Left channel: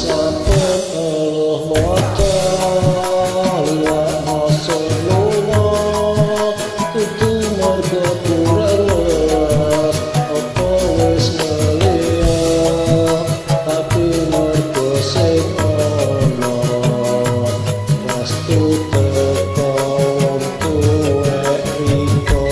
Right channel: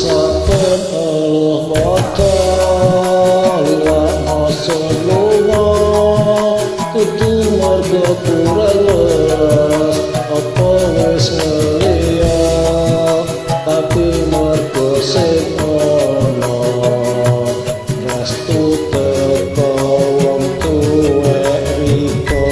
saben eluh moto liwat moson lunga kudu mergo kurang welas apa wis ngelia tapi mergo sing ana restu teko wong tuwek riko.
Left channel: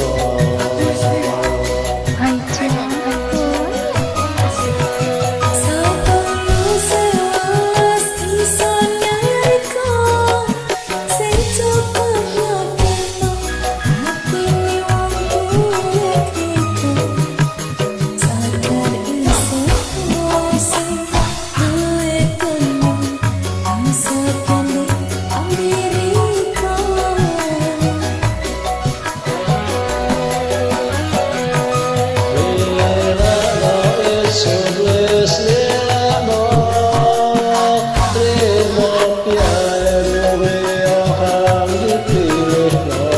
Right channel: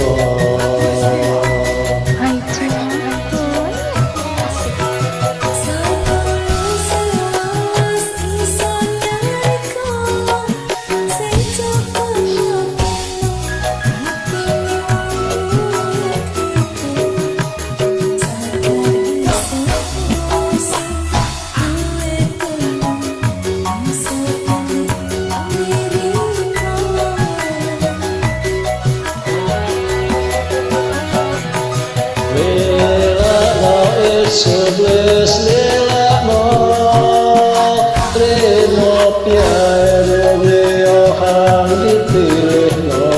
Sudles lelakno trimo piye wong liya hang dipilihno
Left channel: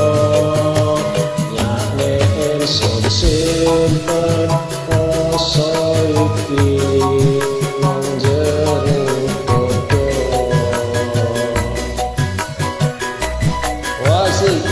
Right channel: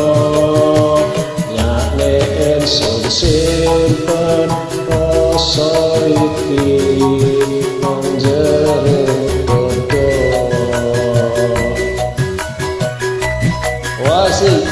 nyakne ingsun simpen rasa iki nang jero dodo wasik.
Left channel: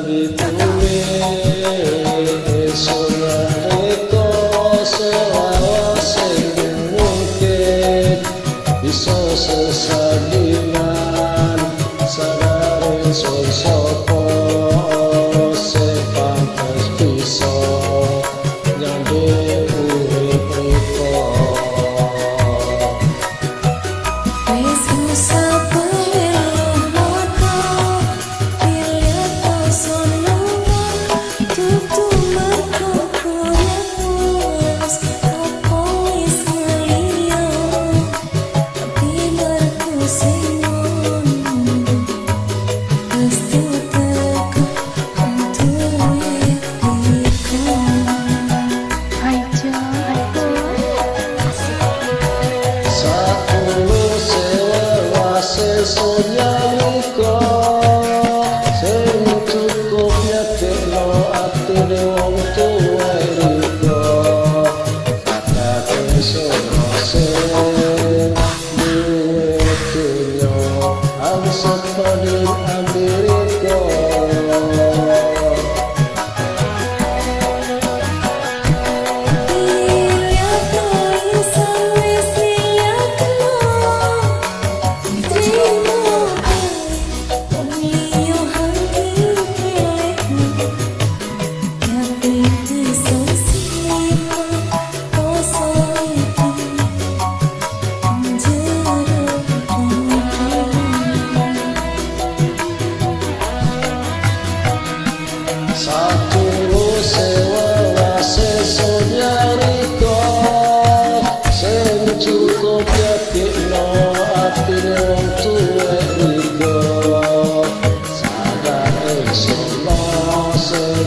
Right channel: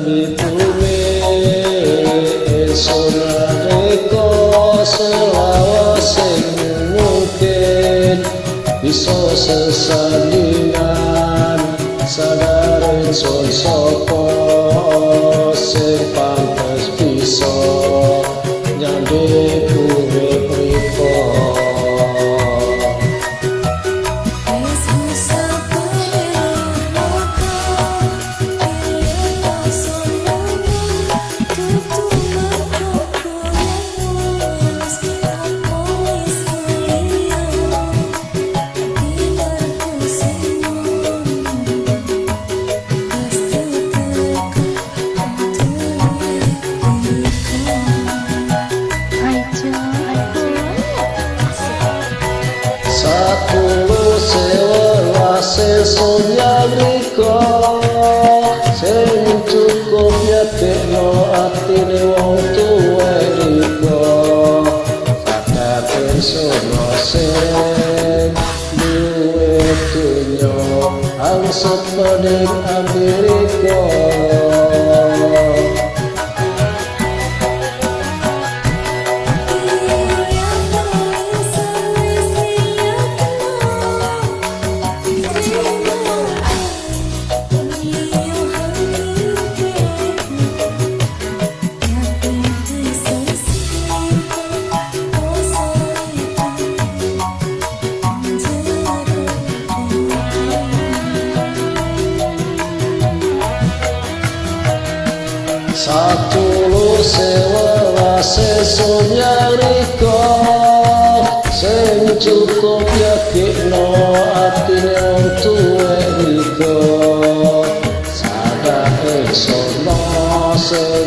Bitune ingsun reka selawase mungkin bisa sesandingan sadar ingsun sapa sing pantes bisa nyambi urip riko. Satulu sewelas ingsun yang riko sing cukup nyedekno atine wong tuwek riko sadar ingsun sing duwe donya angsep peding ambiriko. Satulu sewelas ingsun yang riko sing cukup yakikno atine wong tuwek riko sadar ingsun sing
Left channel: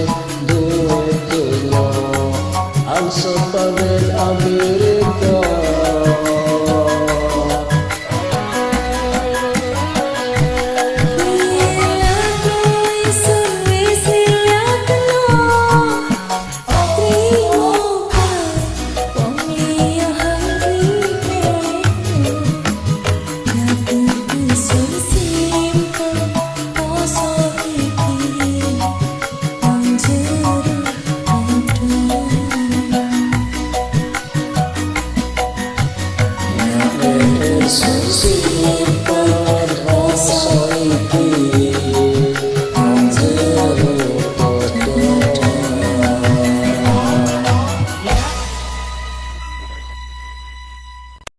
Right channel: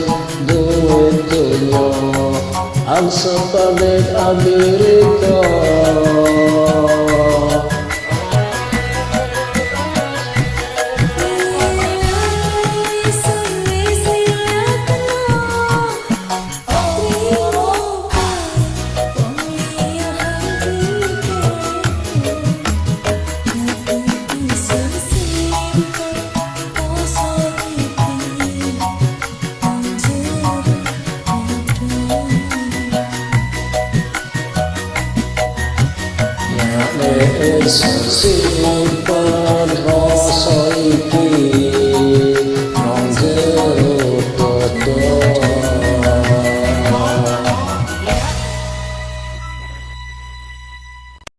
duwe donya angsep peding ambiriko. Ingsun simpen